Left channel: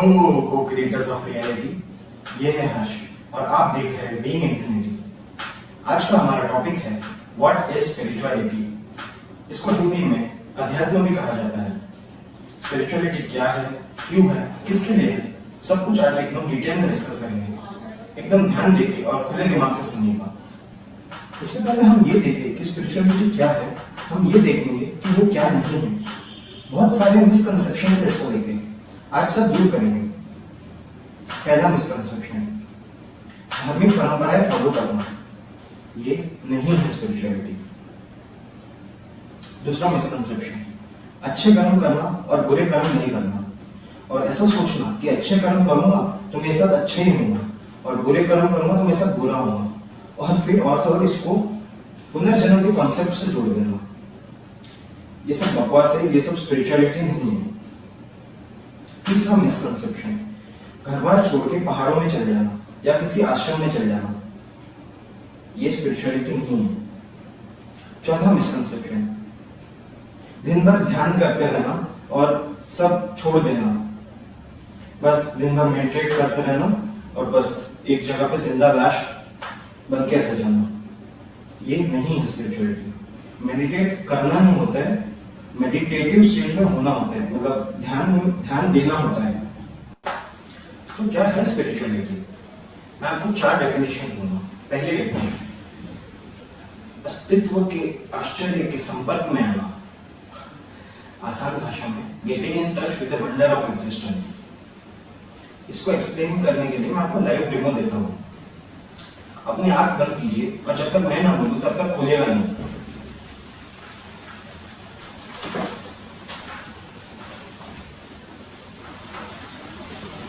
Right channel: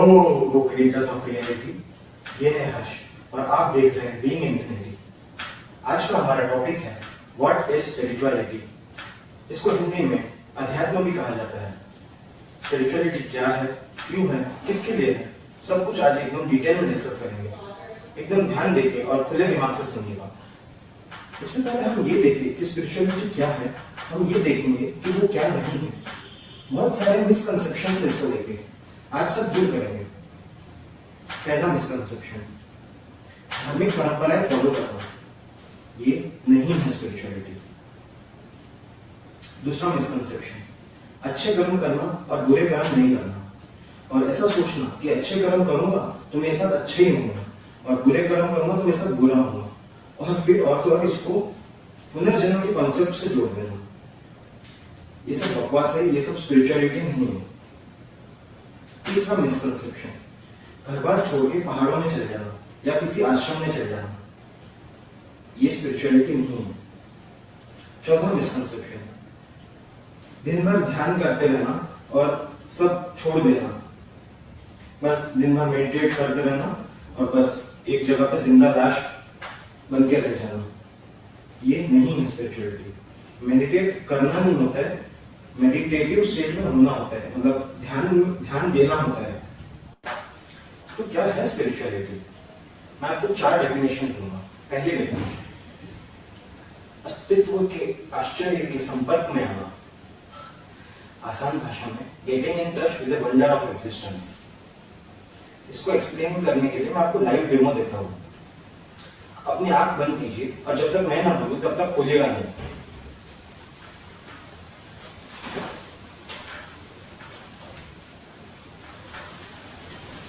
को creators of reality, ये है हर्ष और आप देख रहे हैं बीइंग इन्फिनिटी। आज का हमारा टॉपिक है व्हाट इज स्पिरिचुअलिटी। इसको हिंदी में अध्यात्म भी कहा जाता है। स्पिरिचुअलिटी क्या है, क्यों है, किसके लिए है, सब कुछ आज एकदम डिटेल में डिस्कस करेंगे। एकदम ध्यान देके और खुले दिमाग से सुनिएगा। इससे पहले हम ये देखें कि स्पिरिचुअलिटी क्या है, हम ये देखेंगे कि वो क्या नहीं है। बहुत सारे मिसकंसेप्शन से इसको लेके आज सब दूर करेंगे। पहला मिसकंसेप्शन, धार्मिक परंपराएं फॉलो करना, ये नहीं है स्पिरिचुअलिटी। दूसरा मिसकंसेप्शन, अच्छे कर्म करना और बुरे कर्म नहीं करना, और ऐसा सोचना कि अच्छे कर्म करूंगा तो मेरे साथ अच्छे ही होंगे और बुरे कर्म करूंगा तो मेरे साथ बुरा होगा, और फिर और तो और इसको पुनर्जन्म के कॉन्सेप्ट से जोड़ देना। ये सब बकवास है, ये सब स्पिरिचुअलिटी नहीं है। तीसरा मिसकंसेप्शन, घर बार छोड़ के पहाड़ों में चले जाना या किसी आश्रम में चले जाना, ये स्पिरिचुअलिटी नहीं है। चौथा मिसकंसेप्शन, दिन भर ध्यान करते रहना और सब छोड़ देना, बस दिन भर मेडिटेट करते रहना और बस एक जगह पे जिंदा लाश बन के रह जाना, ये नहीं है स्पिरिचुअलिटी। मेडिटेट करना नहीं होता है, मेडिटेटिव स्टेट में होना होता है, मतलब ध्यान देना होता है। तो क्या है स्पिरिचुअलिटी? मैं आपको 4 डेफिनेशंस दूंगा। पहली डेफिनेशन, अस्तित्व के आश्चर्य के संपर्क में आना, आसान भाषा में getting in touch with the wonder of existence. इसको एक्सप्लेन करने के लिए मैं आपको लाइव डेमो देता हूं। अपनी आंख बंद कीजिए और जब तक मैं ना बोलूं तब तक खोलेगा नहीं।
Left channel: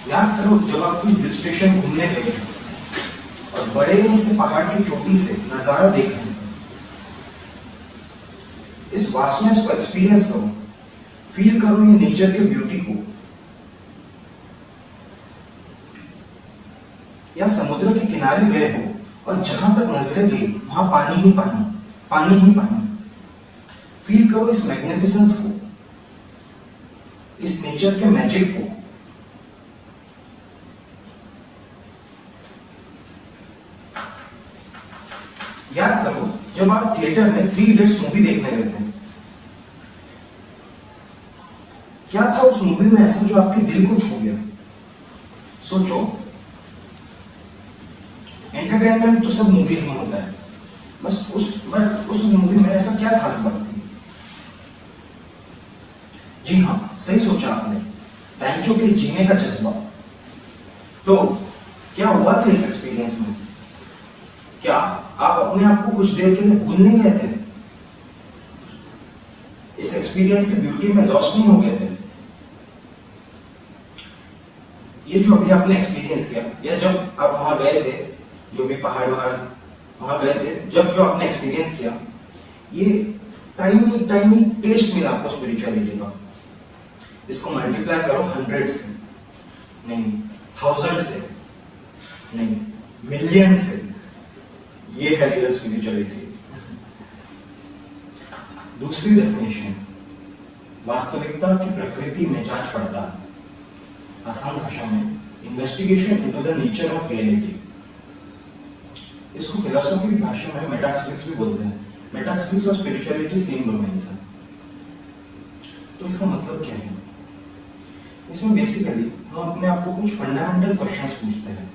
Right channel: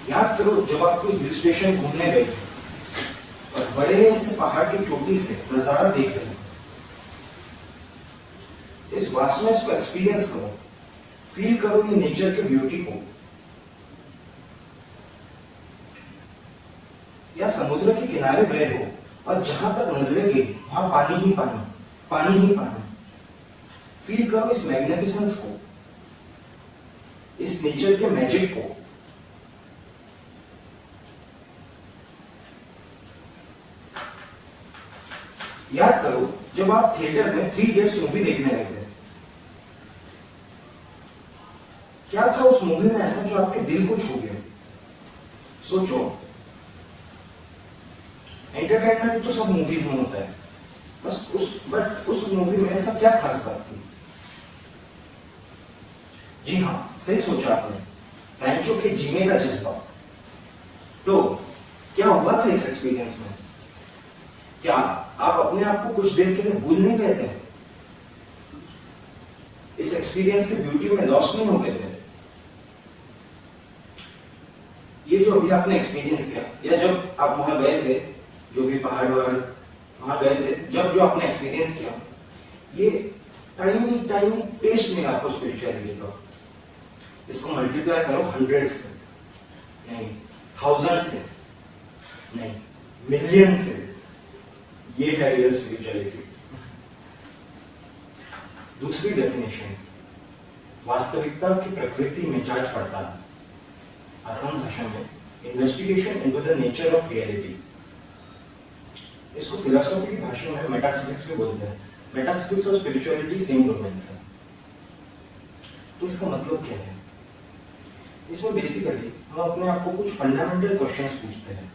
याद करो जब आप कोई हिल स्टेशन घूमने गए थे और बड़े से पहाड़ की चोटी से नजारा देख रहे हैं। इस वास्टनेस को एक्सपीरियंस करो, फील करो ये नेचर के ब्यूटी को। या समुद्र के किनारे गए हो और जहां तक नजरें गई वहां पानी ही पानी, पानी ही पानी। फील करो इस मैग्निफिसेंस को, इस नेचर के मैजिक को। याद करो जब आप थिएटर में 3 इडियट्स मूवी देखने गए थे, क्या था उस मूवी में ऐसा जो आपके दिल को छू गया? सोचो, एंटरटेनमेंट तो सब मूवीज में होता है, बट उस मूवी में ऐसा क्या खास बात थी? जी हाँ, सही सोचा आपने, रैंचो के जीने का जज्बा। तो क्या हुआ था इस एक्सपीरियंस में? क्या आप अपने आप को कुछ देर के लिए भूल नहीं गए थे? इस एक्सपीरियंस के ब्यूटी में लॉस्ट नहीं हो गए थे? ये जो अभी आपने एक्सपीरियंस किया, या जब आप वहां गए थे, जो भी पहाड़ वहां गए थे, जब जो आपने एक्सपीरियंस किया, ये टाइनी टाइनी टेस्ट मिला आपको स्पिरिचुअलिटी का। इसको मल्टीप्लाई करो 100 से, नहीं 1000 से, नहीं मिलियन से। ये है रियल स्पिरिचुअलिटी। दूसरी डेफिनेशन, वास्तविकता की प्रकृति में जांच पड़ताल, आसान भाषा में investigation into the nature of reality. इसको फिलोसॉफी की भाषा में मेटाफिजिक्स भी बोलते हैं। मेटाफिजिक्स और स्पिरिचुअलिटी सेम डोमेन्स है। तो इसका मतलब क्या है? इसमें बेसिकली हम अपने आप को कुछ फंडामेंटल क्वेश्चंस पूछते हैं,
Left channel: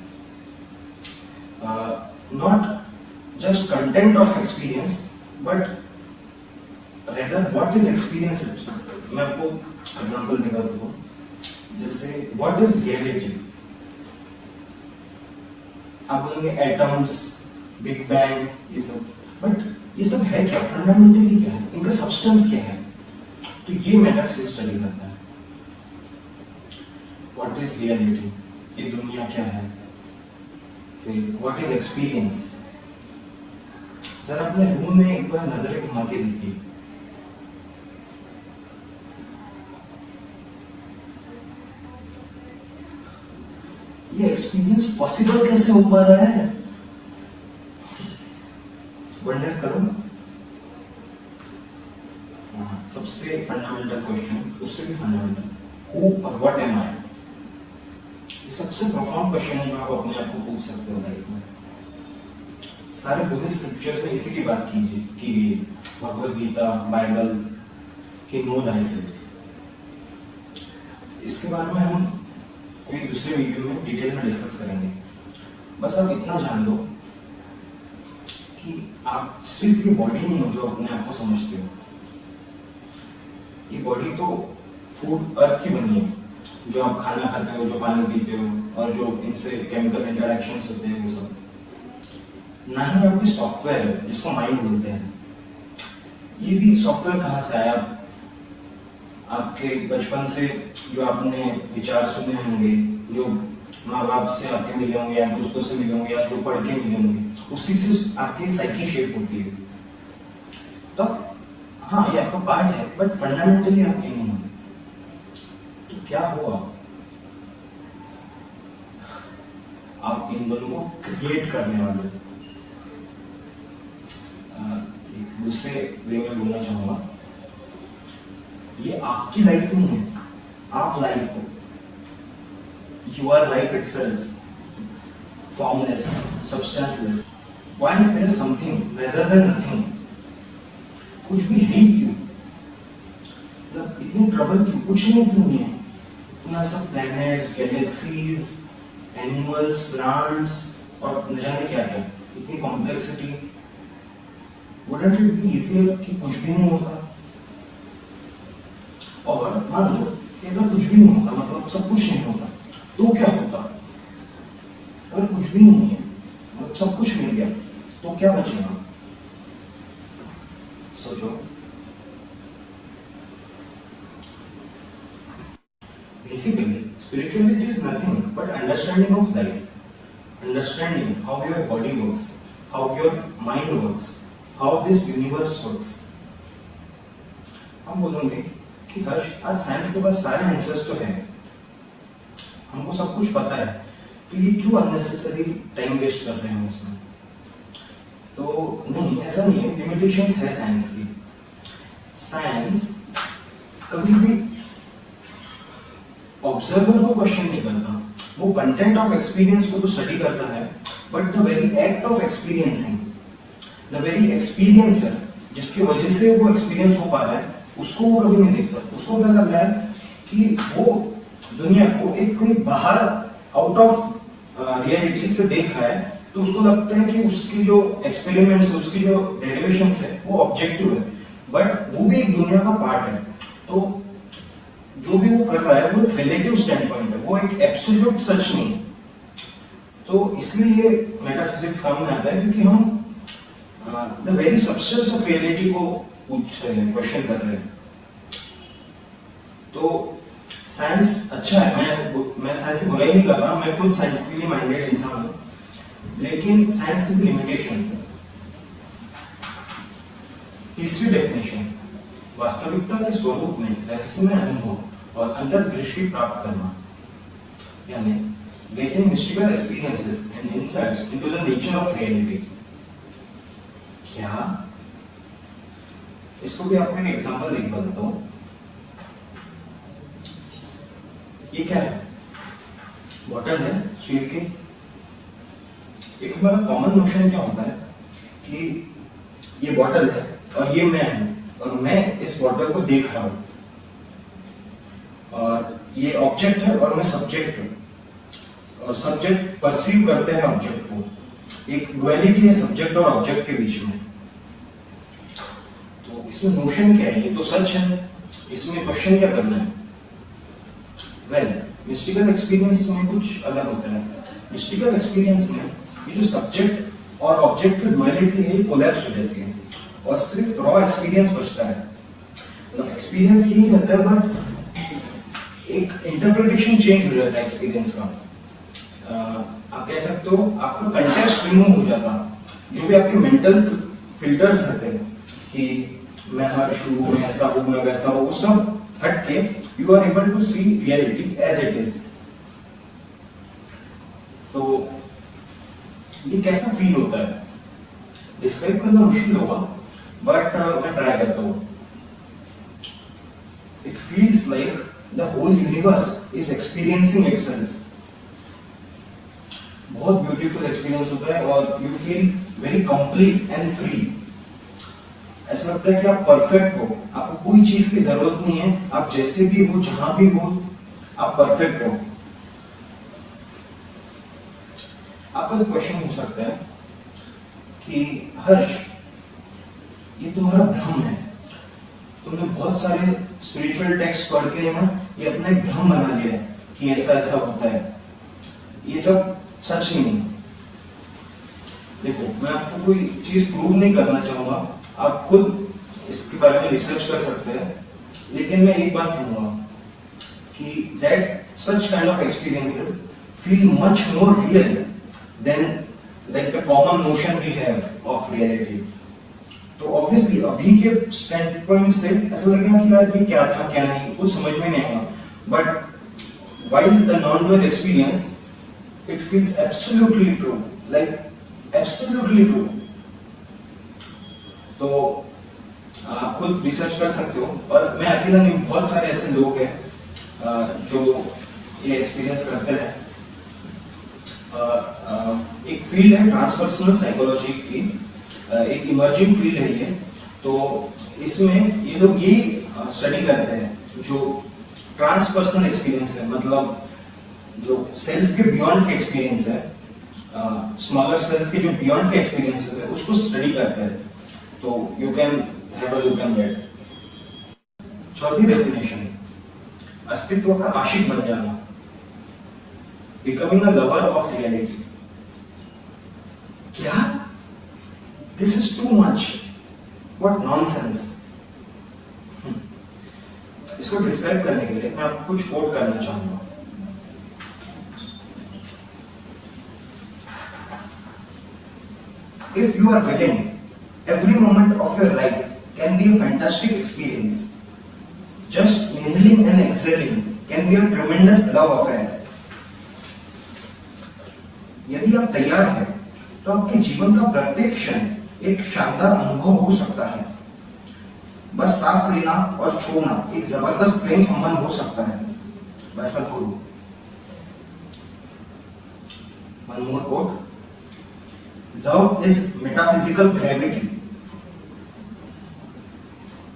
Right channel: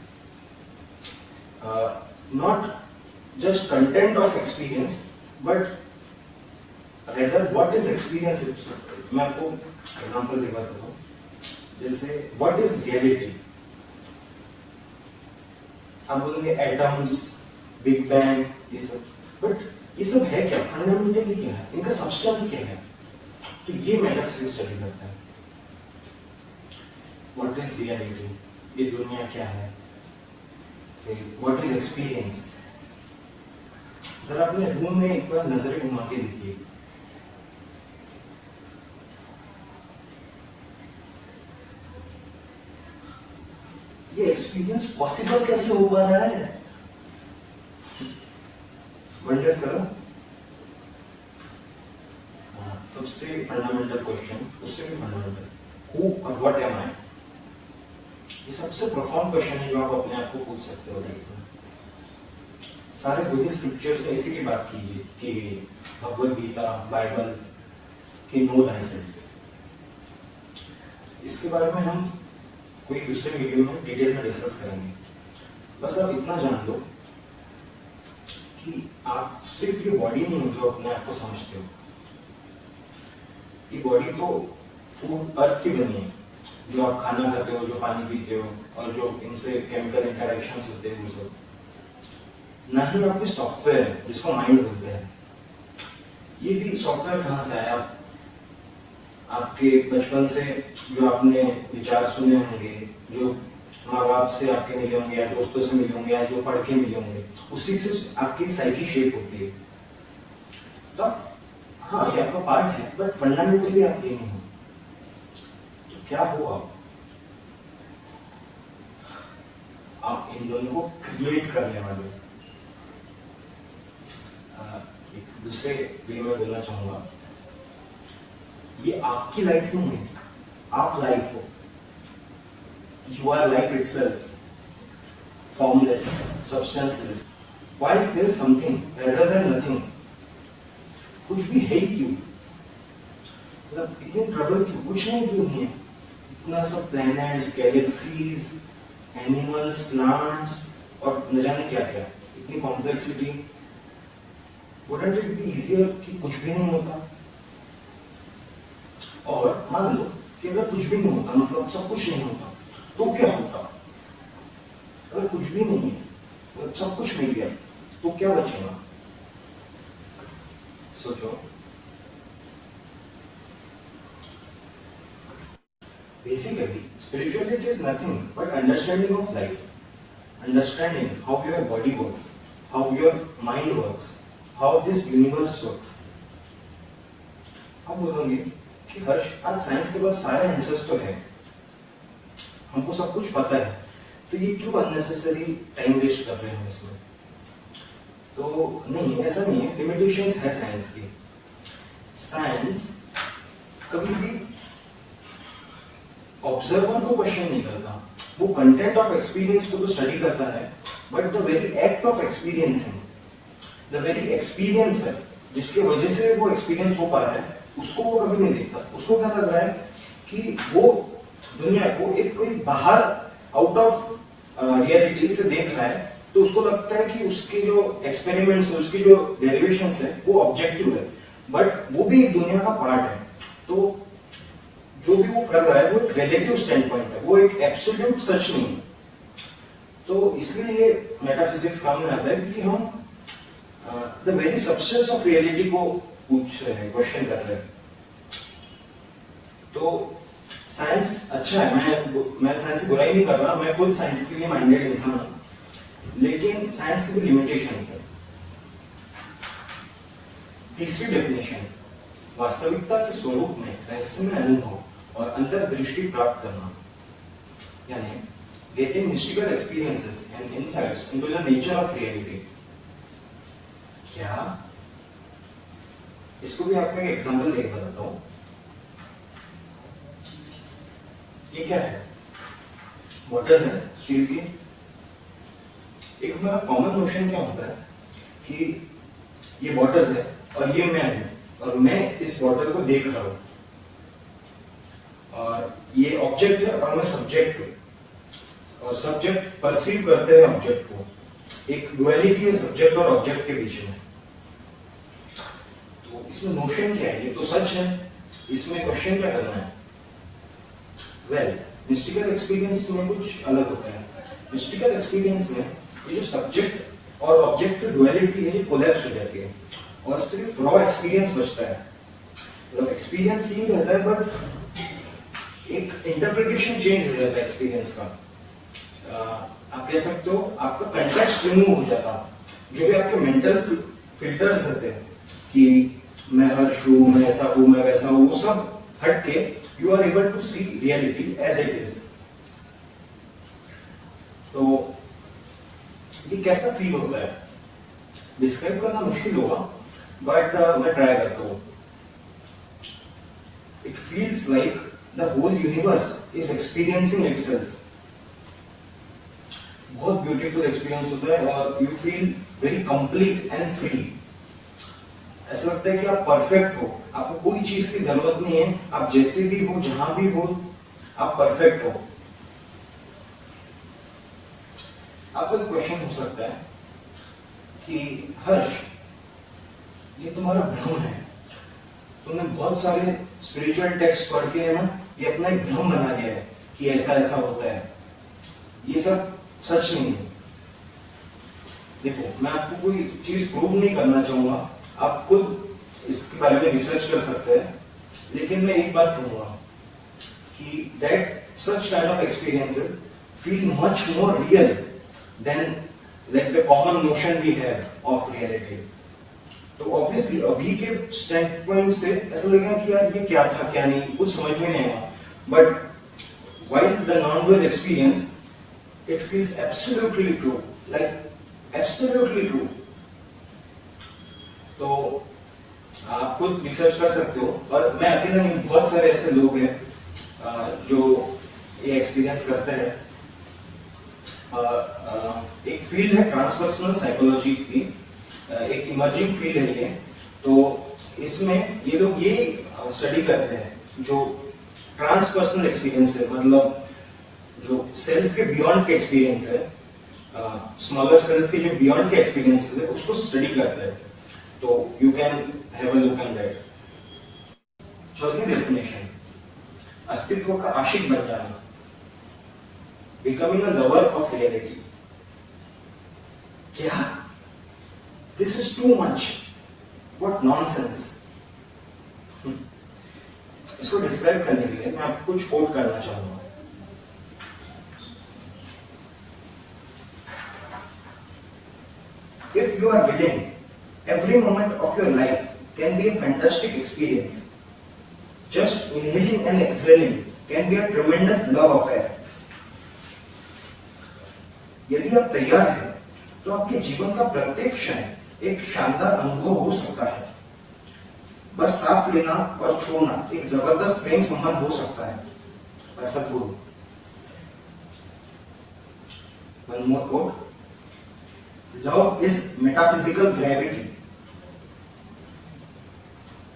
not just content of experience but rather what is experience itself। मैं आपको एग्जांपल दिखा देता हूँ। जैसे what is reality, आप बोलेंगे एटम्स, बिग बैंग, ये सब, बट ये सब है क्या? फंडामेंटली क्या है? इनका सब्सटेंस क्या है? तो ये मेटाफिजिक्स स्टडी करता है। what is reality, ये दुनिया क्या है? फिर what is experience। जरा अपने रूम में एक बार नजरें घुमा के देखिए। ये एक्सपीरियंस पॉसिबल कैसे हो पा रहा है? वंडर करो। सबसे फंडामेंटल क्वेश्चन, उससे भी फंडामेंटल, हु और व्हाट एम आई। ये सबसे प्रोफाउंड क्वेश्चन है जो आप अपने आप को पूछ सकते हो लाइफ में। सारे बुद्धिस्ट स्क्रिप्चर्स में इसी की बात कीजिए कि भगवद गीता, बाइबल कि नो दाई सेल्फ। इसके बारे में हम कोई दूसरे वीडियो में डिटेल में डिस्कस करेंगे। बस आप इतना जान लो कि आप सिर्फ ये बॉडी नहीं हो जो अपने आप को समझते हो। ये बॉडी तो फूड अर्थ की बनी है, जो आप खाना खाते हो, जो पानी पीते हो और जो इनसे केमिकल इंटरेक्शंस होते हैं वो सब। ना ही आपकी सॉफ्टवेयर है जिसको माइंड बोलते हैं। ये भी सॉफ्टवेयर कहाँ से आया? आपके बचपन से जो आपने विचार सुने होंगे, जो माँ बाप से आपके मिले होंगे या दोस्तों से मिले होंगे या जो पढ़ के मिले होंगे, उसी से आपकी साइकी शेप होती है। तो हाँ, ये आपका पार्ट है, बट फंडामेंटली आप ये नहीं हो। तो क्या हो आप इन दोनों को क्रिएट करने वाले। एक दूसरे वे में बोलना चाहूंगा, ये आपकी लाइफ नहीं है, आप लाइफ हो। You are life itself, formless, substanceless. Why is there something rather than nothing? कुछ भी है ही क्यों? मतलब इतनी ट्रबल क्यों? कुछ नहीं क्यों नहीं है? इतना सब प्लैनेट्स, गैलेक्सीज, एनिमल्स, प्लांट्स और न जाने क्या क्या, इतनी complexity. Wouldn't it be easier कि कुछ भी नहीं होता? और मान लो कि अगर कुछ भी नहीं होता, मतलब सब कुछ नहीं होता, तो क्या होता? अगर कुछ भी नहीं है, मतलब सब कुछ मिल गया, तो क्या बचेगा? सोचो। Basically, spirituality is nothing but understanding of life, understanding how your body works, how your mind works, how this universe works. हम बोलोगे कि हर्ष, आज साइंस के पास सारे आंसर्स तो है, हमको सब कुछ पता है, तो ये क्यों अननेसेसरी टाइम वेस्ट कर रहे हैं इसमें? तो नहीं, ऐसा नहीं है। लिमिटेशंस है साइंस की। साइंस कभी भी ऑब्जर्वर को क्वेश्चन नहीं करता। वो कंटेंट ऑफ एक्सपीरियंस को तो स्टडी करता है, but the very act of experiencing, the very experiencer जिसके वजह से वो एक्सपीरियंस हो पा रहा है, उसको वो कभी नहीं देखता। उसको क्या लग रहा है कि वो दुनिया को एक कोई बाहर आउट ऑफ रियलिटी से देख रहा है, तो उसको लगता है कि उसके जो एक्सपेरिमेंट्स है, उसकी जो डेरिवेशंस है, वो ऑब्जेक्टिव है, बट वो भी एक दुनिया का पार्ट है। तो जो भी वो कर रहा है वो एक रिलेटिव स्टैंड पॉइंट है, वो एक एब्सोल्यूट सच नहीं है। तो इसलिए ये मेटाफिजिक्स काम में आता है, क्योंकि हम the very substance of reality को पूछ रहे हैं, क्वेश्चन कर रहे हैं। तो साइंस अच्छा है, मैं साइंस की बुराई नहीं कर रहा, मैं खुद साइंटिफिकली माइंडेड इंसान हूँ, लेकिन साइंस की भी लिमिटेशंस है। तीसरी डेफिनेशन, वास्तविकता के स्वरूप में रहस्यमय अनुभव और अंतर्दृष्टि प्राप्त करना, यानी getting mystical experiences and insights into the nature of reality. क्या? इसको भी आपको एक एग्जांपल देके बताता हूं। ये क्या है? बॉटल है स्टील की। एक हमारा कॉमन नोशन क्या होता है कि ये बॉटल है और ये मैं हूं, और मैं इस बॉटल को देख रहा हूं, और ये ऑब्जेक्ट है और मैं सब्जेक्ट हूं, और सब्जेक्ट परसीव करते हैं ऑब्जेक्ट को। एक डुअलिटी है सब्जेक्ट और ऑब्जेक्ट के बीच में। तो इसमें नोशन क्या है? ये तो सच है, इसमें क्वेश्चन क्या करना है? वेल, मिस्टिकल एक्सपीरियंस में कुछ अलग होता है। मिस्टिकल एक्सपीरियंस में ये जो सब्जेक्ट और ऑब्जेक्ट की डुअलिटी है, ये कोलैप्स हो जाती है और सिर्फ रॉ एक्सपीरियंस बचता है। मतलब एक्सपीरियंस यही रहता है, बट एक इंटरप्रिटेशन चेंज हो जाता है एक्सपीरियंस का। आप कह सकते हो आपका कंटेक्स्ट रिमूव हो जाता। जो भी आपके मेंटल फिल्टर्स रहते हैं कि मैं हर्ष हूं, मैं ऐसा हूं, मैं वैसा हूं, वो सब हट के you are able to see reality as it is. तो ये कैसा फील होता है? डिस्क्राइब करना मुश्किल होगा, बट मैं ट्राई करता हूं। It feels like the whole universe is experiencing itself बहुत ब्यूटीफुल एक्सपीरियंस होता है और you feel very complete and free. ऐसा लगता है कि आप परफेक्ट हो, आपको कोई चीज की जरूरत नहीं है, आप जैसे भी हो जहां भी हो आप परफेक्ट हो। आपका क्वेश्चन हो सकता है कि हर्ष, ये तुम्हारा भ्रम है, तुमने बहुत सारे स्पिरिचुअल टेक्स्ट पढ़ के है ना ये अपना एक भ्रम बना लिया है कि ऐसा ऐसा होता है, ये सब सच नहीं है। देखो, मैं आपको कोई चीज प्रूव नहीं करना चाहूंगा, आप खुद इसके बारे में रिसर्च कर सकते हैं, लेकिन मैं एक बात कहूंगा कि that such kind of experiences feel much more real than like the common notion we have of reality. तो ऑब्वियसली अभी के स्टैंड पॉइंट से ऐसा लगेगा कि यार ये क्या था क्या नहीं, कुछ समझ में नहीं आएगा, but while the non-dual experience it feels absolutely true, like absolutely true। तो आप खुद रिसर्च कर सकते हो, और मैं अकेला नहीं, बहुत सारे ऐसे लोग हैं जो ये एक्सपीरियंस करते हैं। एक फील्ड है ट्रांसपर्सनल साइकोलॉजी की, एक इमर्जिंग फील्ड है ये। तो इसमें ये लोग ये स्टडी करते हैं जो ट्रांसपर्सनल एक्सपीरियंस है, मतलब जो सेल्फ के बियॉन्ड के एक्सपीरियंस है, स्मॉलर सेल्फ के जो बियॉन्ड के एक्सपीरियंसेस है उसको स्टडी करते हैं। तो you can have a look at that. चौथी डेफिनेशन, अस्तित्व का आशिक बन जाना, becoming a lover of reality. क्या? This is too much, what nonsense. इसको डिस्क्राइब करने के लिए मैं आपको कुछ कोट करना चाहूंगा। If you are willing, every moment of your life can be a fantastic experience. Just inhaling and exhaling can be a tremendous love affair. यदि आप तैयार हैं, तो आपके जीवन का प्रत्येक क्षण एक शानदार अनुभव हो सकता है। बस सांस लेना और छोड़ना एक जबरदस्त प्रेम संबंध हो सकता है। By Sadhguru. One more quote. Love is metaphysical gravity.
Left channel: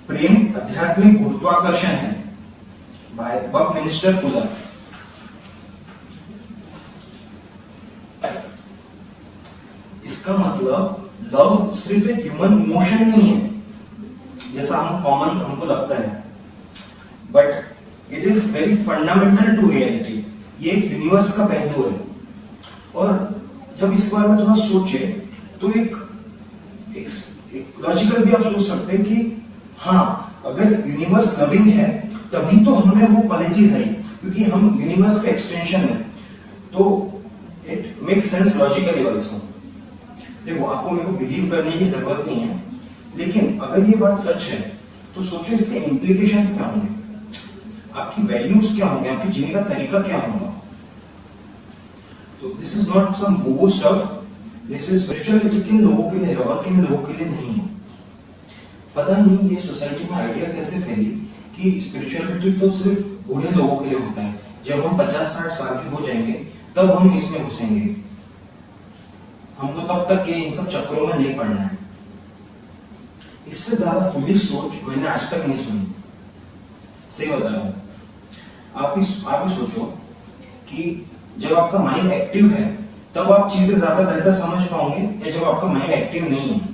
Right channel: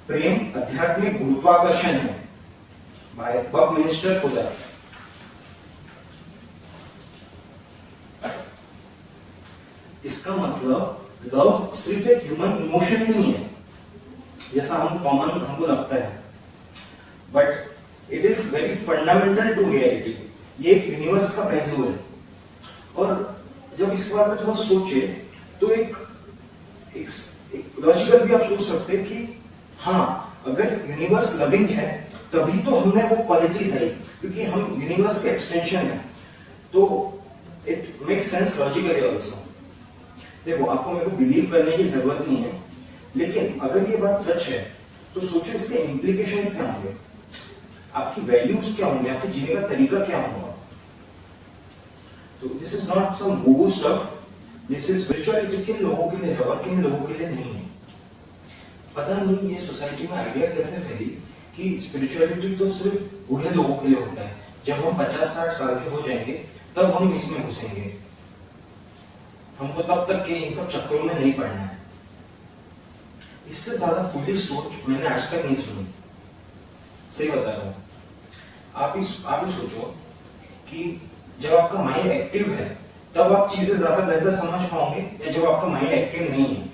प्रेम आध्यात्मिक गुरुत्वाकर्षण है। By Buckminster Fuller. इसका मतलब लव सिर्फ एक ह्यूमन इमोशन नहीं है जैसा हमको लगता है, but it is very fundamental to reality. ये एक यूनिवर्स का पहलू है। और जब इसके बारे में थोड़ा सोचे तो एक लॉजिकल भी आप सोच सकते हैं कि हाँ, अगर यूनिवर्स लविंग है तभी तो हमें वो क्वालिटीज आई, क्योंकि हम यूनिवर्स के एक्सटेंशन है। तो it makes sense logically also. देखो, आपको मेरे को बिलीव करने की जरूरत नहीं है, लेकिन अगर ये बात सच है तो सोचो इसके इम्प्लीकेशंस क्या होंगे, आपकी वैल्यूज क्या होंगे, आपके जीने का तरीका क्या होगा। तो दिस इज नॉट सम वो स्टफ, दिस इज स्पिरिचुअलिटी किन लोगों के लिए है और किन लोगों के लिए नहीं है। पता नहीं ये सोसाइटी में आइडिया कैसे फैली कि स्पिरिचुअलिटी तो सिर्फ बूढ़े लोगों के लिए होता है, जब हम 50-60 साल के हो जाएंगे तब हम इसमें घुसेंगे, हमको तब तक के इन सब चक्रों में नहीं पड़ना है। इससे ज्यादा फुलिश सोच मैंने आज तक नहीं सुनी, सही बता रहा हूं। आप ही सोचो कि जब आपका माइंड एक्टिव है तब आप चीजें ज्यादा बेहतर समझ पाओगे, या जब आपका माइंड एक्टिव नहीं है,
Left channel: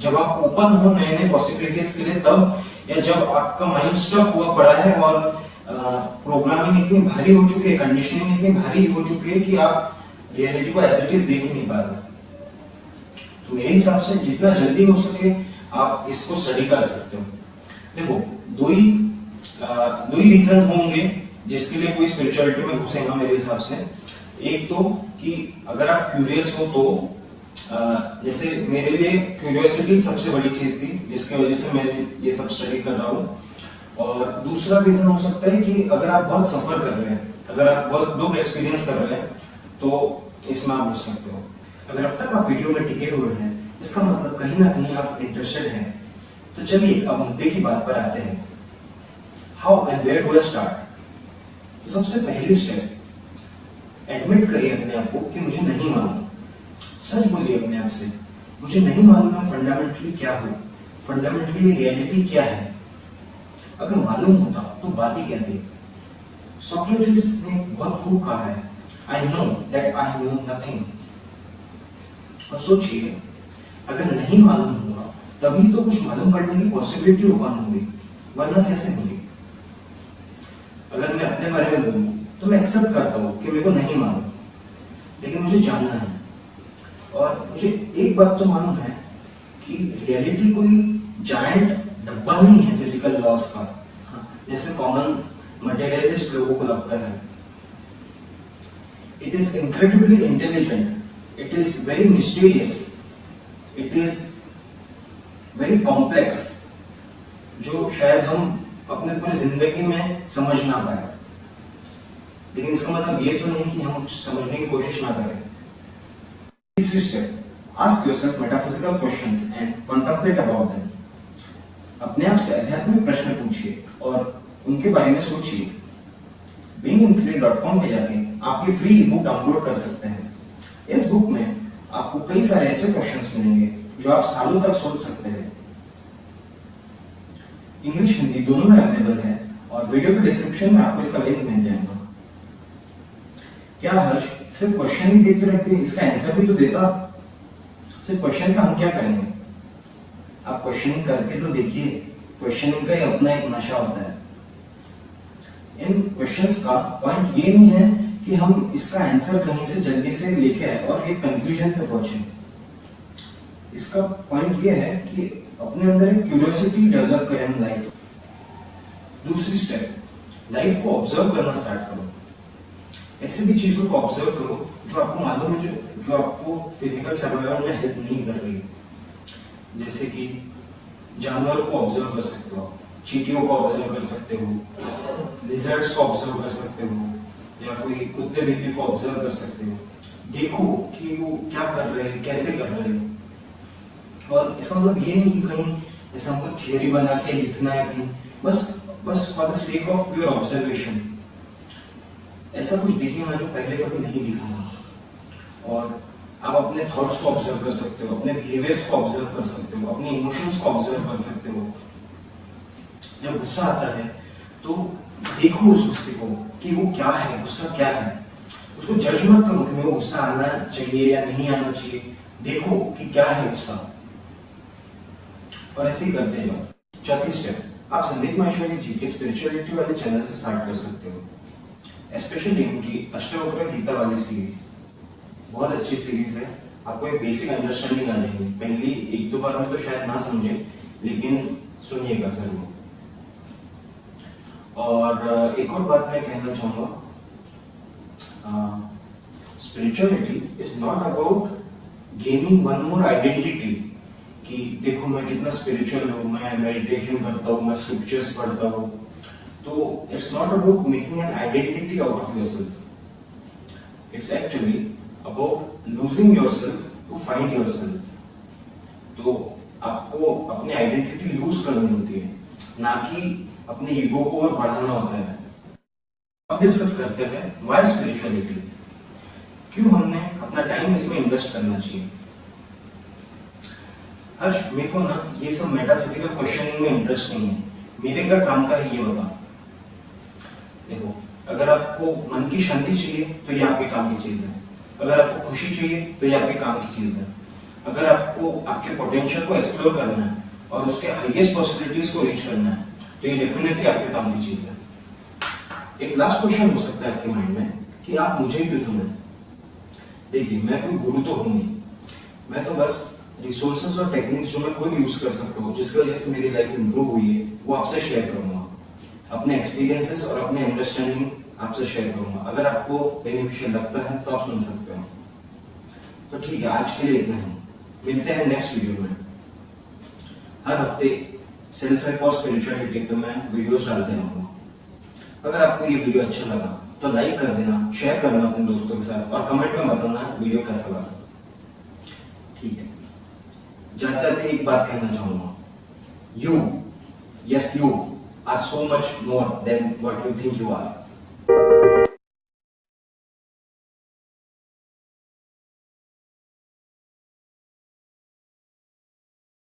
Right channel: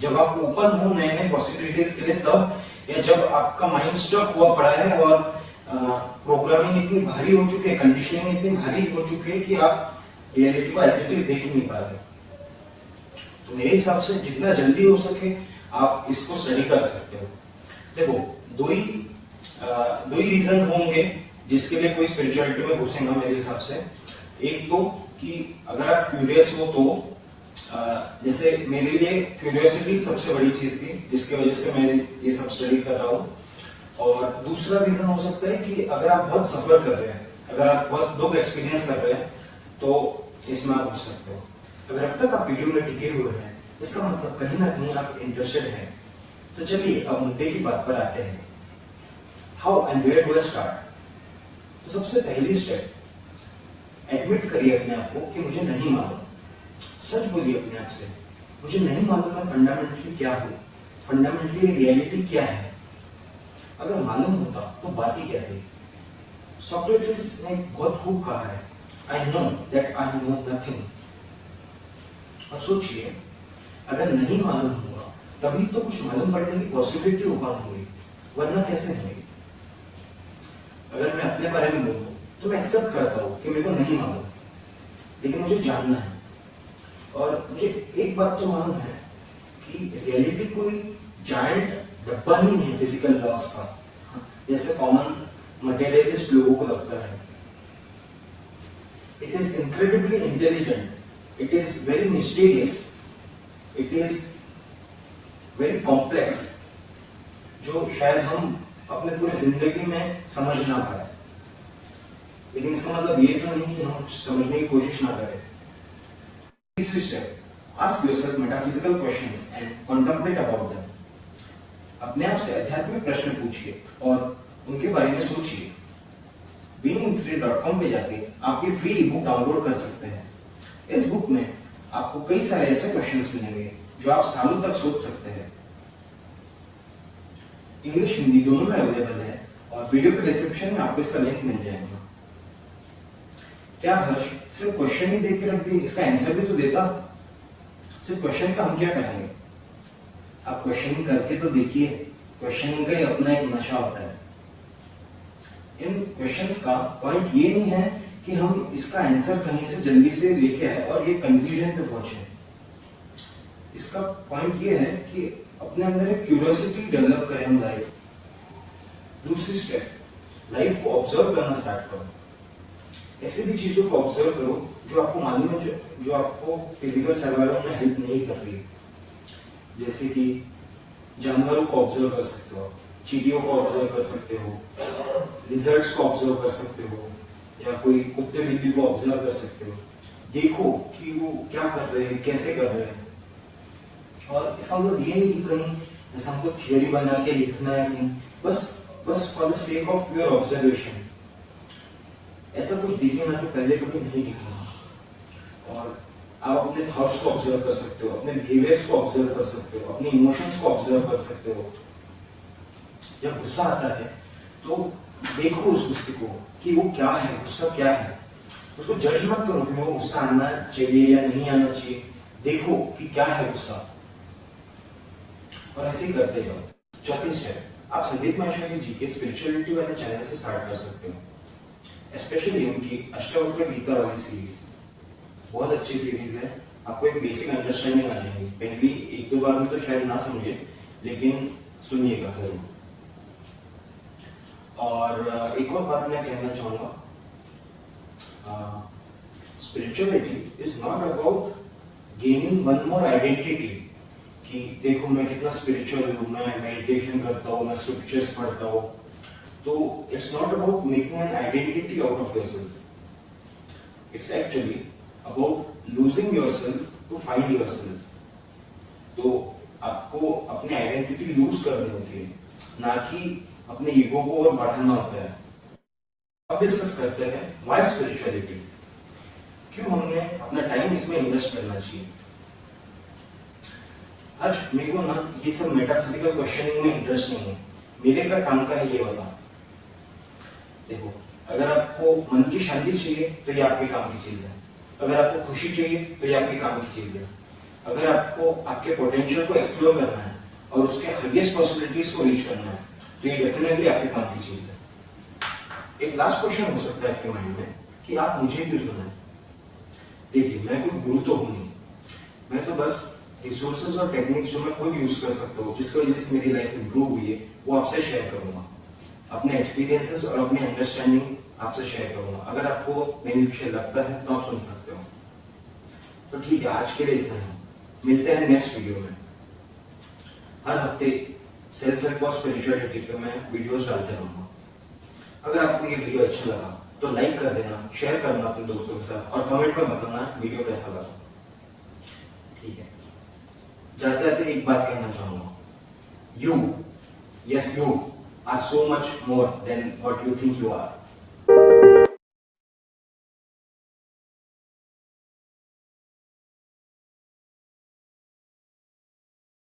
जब आप ओपन हो नए नए पॉसिबिलिटीज के लिए तब, या जब आपका माइंड स्टक हुआ पड़ा है और प्रोग्रामिंग इतनी भारी हो चुकी है, कंडीशनिंग इतनी भारी हो चुकी है कि आप रियलिटी को एज इट इज देख ही नहीं पा रहे। तो मेरे हिसाब से जितना जल्दी हो सके आप इसको स्टडी कर सकते हो। देखो, दो ही रीजन होंगे जिसके लिए कोई स्पिरिचुअलिटी में घुसेगा मेरे हिसाब से। एक तो कि अगर आप क्यूरियस हो तो, जैसे मेरे लिए क्यूरियोसिटी सबसे बड़ी चीज थी जिसकी वजह से मैं ये सब स्टडी कर रहा हूँ। और दूसरा रीजन हो सकता है कि अगर आप बहुत सफर कर रहे हैं, अगर आप बहुत दुख एक्सपीरियंस कर रहे हैं तो इसमें आप घुस सकते हो। अगर अब तक आप वीडियो में टिके हुए हैं, इसका मतलब कहीं ना कहीं आप इंटरेस्टेड हैं। तो चलिए अब मुद्दे की बात पर आते हैं। How and where do I start? तो सबसे पहली स्टेप, एडमिट करिए अपने आप को कि मुझे नहीं मालूम। सच बोलिए अपने आप से, मुझे नहीं मालूम मैं फंडामेंटली क्या हूँ, फंडामेंटली रियलिटी क्या है। अगर मालूम होता तो बात ही क्या थी। सोक्रेटिस ने बहुत खूब कहा है, I know that I know nothing. और सोचिए, अगर नहीं मालूम हुआ तभी तो कुछ मालूम पड़ने की पॉसिबिलिटी ओपन हुई, वरना कैसे हुई। अगर मैं अपने बारे में बोलूं तो मैं एक्सेप्ट करता हूं कि मेरे को नहीं मालूम, लेकिन मुझे जानना है। और मुझे एक बात तो मालूम है कि रियलिटी कोई जायंट डब्बा नहीं है फिजिकल लॉस का, जैसे कॉमन मटेरियलिस्ट लोगों को लगता है। It is incredibly intelligent, it is very mysterious, it is very complex, जो शायद हम अपने पूरे जिंदगी में समझ ना पाए। लेकिन इसका मतलब ये तो नहीं कि हम समझने की कोशिश ना करें। तीसरी step, ask yourself metaphysical questions and contemplate about them. अपने आप से आध्यात्मिक प्रश्न पूछिए और उनके बारे में सोचिए। beinginfinite.com पे जाके आपकी फ्री ई बुक डाउनलोड कर सकते हैं। इस बुक में आपको कई सारे ऐसे क्वेश्चंस मिलेंगे जो आप सालों तक सोच सकते हैं। इंग्लिश हिंदी दोनों में अवेलेबल है और वीडियो के डिस्क्रिप्शन में आपको इसका लिंक मिल जाएगा। क्या हर्ष सिर्फ क्वेश्चन ही दे के रख दे, इसका आंसर भी तो देता। सिर्फ क्वेश्चन का हम क्या करेंगे? आप क्वेश्चनिंग करके तो देखिए, क्वेश्चनिंग का ही अपना एक नशा होता है। इन क्वेश्चंस का पॉइंट ये नहीं है कि हम इसका आंसर कहीं से जल्दी से लेके आए और एक कंक्लूजन पे पहुंचे। इसका पॉइंट ये है कि अपने अंदर एक क्यूरियोसिटी डेवलप करें हम लाइफ। दूसरी स्टेप, लाइफ को ऑब्जर्व करना स्टार्ट करो। ऐसे भी चीजों को ऑब्जर्व करो जो आपको मालूम है जो आपको फिजिकल सर्वाइवल में हेल्प नहीं कर रही है। जैसे कि जानवरों को ऑब्जर्व कर सकते हो, चींटियों को ऑब्जर्व कर सकते हो, लिजर्ड्स को ऑब्जर्व कर सकते हो, या कोई कुत्ते बिल्ली को ऑब्जर्व कर सकते हो। देखो कि वो क्या कर रहे हैं, कैसे कर रहे हैं। और इसका मतलब ये नहीं कि कहीं ऐसा हमको थियोरी बना के लिखना है कहीं, बस for the sake of pure observation. ऐसा कुछ दिखेगा जो पहले कभी नहीं दिखा। और आप अपने थॉट्स को ऑब्जर्व कर सकते हो, अपने बिहेवियर्स को ऑब्जर्व कर सकते हो, अपने इमोशंस को ऑब्जर्व कर सकते हो। जब गुस्सा आता है तो देखो उस गुस्से को कि वो क्या है, गुस्सा क्या है। उसको जज मत करो कि मेरे को गुस्सा आना चाहिए या नहीं आना चाहिए। देखो कि क्या है गुस्सा, और ऐसे ही करते जाओ। चौथी स्टेप, आप संदीप माहेश्वरी जी के स्पिरिचुअलिटी वाले चैनल से स्टार्ट कर सकते हो। स्पेशली उनकी अष्टवक्र गीता वाली सीरीज बहुत अच्छी सीरीज है। आपको एक बेसिक अंडरस्टैंडिंग आ जाएगी। पहली एक दो बार में तो शायद ना समझे, लेकिन सुनिएगा जरूर। और एक और बात मैं कहना चाहूँगा, spirituality is not about gaining one more identity कि देखो मैं कितना स्पिरिचुअल हूँ, मैं मेडिटेशन करता हूँ, मैं स्क्रिप्चर्स पढ़ता हूँ। तो it's not about making an identity out of yourself. It's actually about losing yourself to find yourself. तो आपको अपनी आइडेंटिटी लूज करनी होती है, ना कि अपने ईगो को और बढ़ाना होता है। अब डिस्कस करते हैं व्हाई स्पिरिचुअलिटी, क्यों हमने अपना टाइम इसमें इन्वेस्ट करना चाहिए। हर्ष, मेरे को ना ये सब मेटाफिजिकल क्वेश्चनिंग में इंटरेस्ट नहीं है, मेरे का काम का है ये बता। देखो, अगर आपको मन की शांति चाहिए तो ये आपके काम की चीज है। अगर आपको खुशी चाहिए तो ये आपके काम की चीज है। अगर आपको आपके पोटेंशियल को एक्सप्लोर करना है और उसके हाईएस्ट पॉसिबिलिटीज को रीच करना है तो ये डेफिनेटली आपके काम की चीज है। एक लास्ट क्वेश्चन हो सकता है आपके माइंड में कि आप मुझे क्यों सुने। देखिए, मैं कोई गुरु तो हूं नहीं, मैं तो बस रिसोर्सेज और टेक्निक्स जो मैं खुद यूज कर सकता हूँ, जिसकी वजह से मेरी लाइफ इंप्रूव हुई है, वो आपसे शेयर करूंगा। अपने एक्सपीरियंसेस और अपने अंडरस्टैंडिंग आपसे शेयर करूंगा। अगर आपको बेनिफिशियल लगता है तो आप सुन सकते हो। तो ठीक है, आज के लिए इतना ही। मिलते हैं नेक्स्ट वीडियो में। हर हफ्ते सेल्फ हेल्प और स्पिरिचुअलिटी पे मैं वीडियोस डालते रहूंगा। अगर आपको ये वीडियो अच्छा लगा तो लाइक कर देना, शेयर करना अपने दोस्तों के साथ, और कमेंट में बताना वीडियो कैसा लगा। ठीक है, जाते जाते एक बात कहना चाहूंगा, you, yes you are so much more than what you think you are.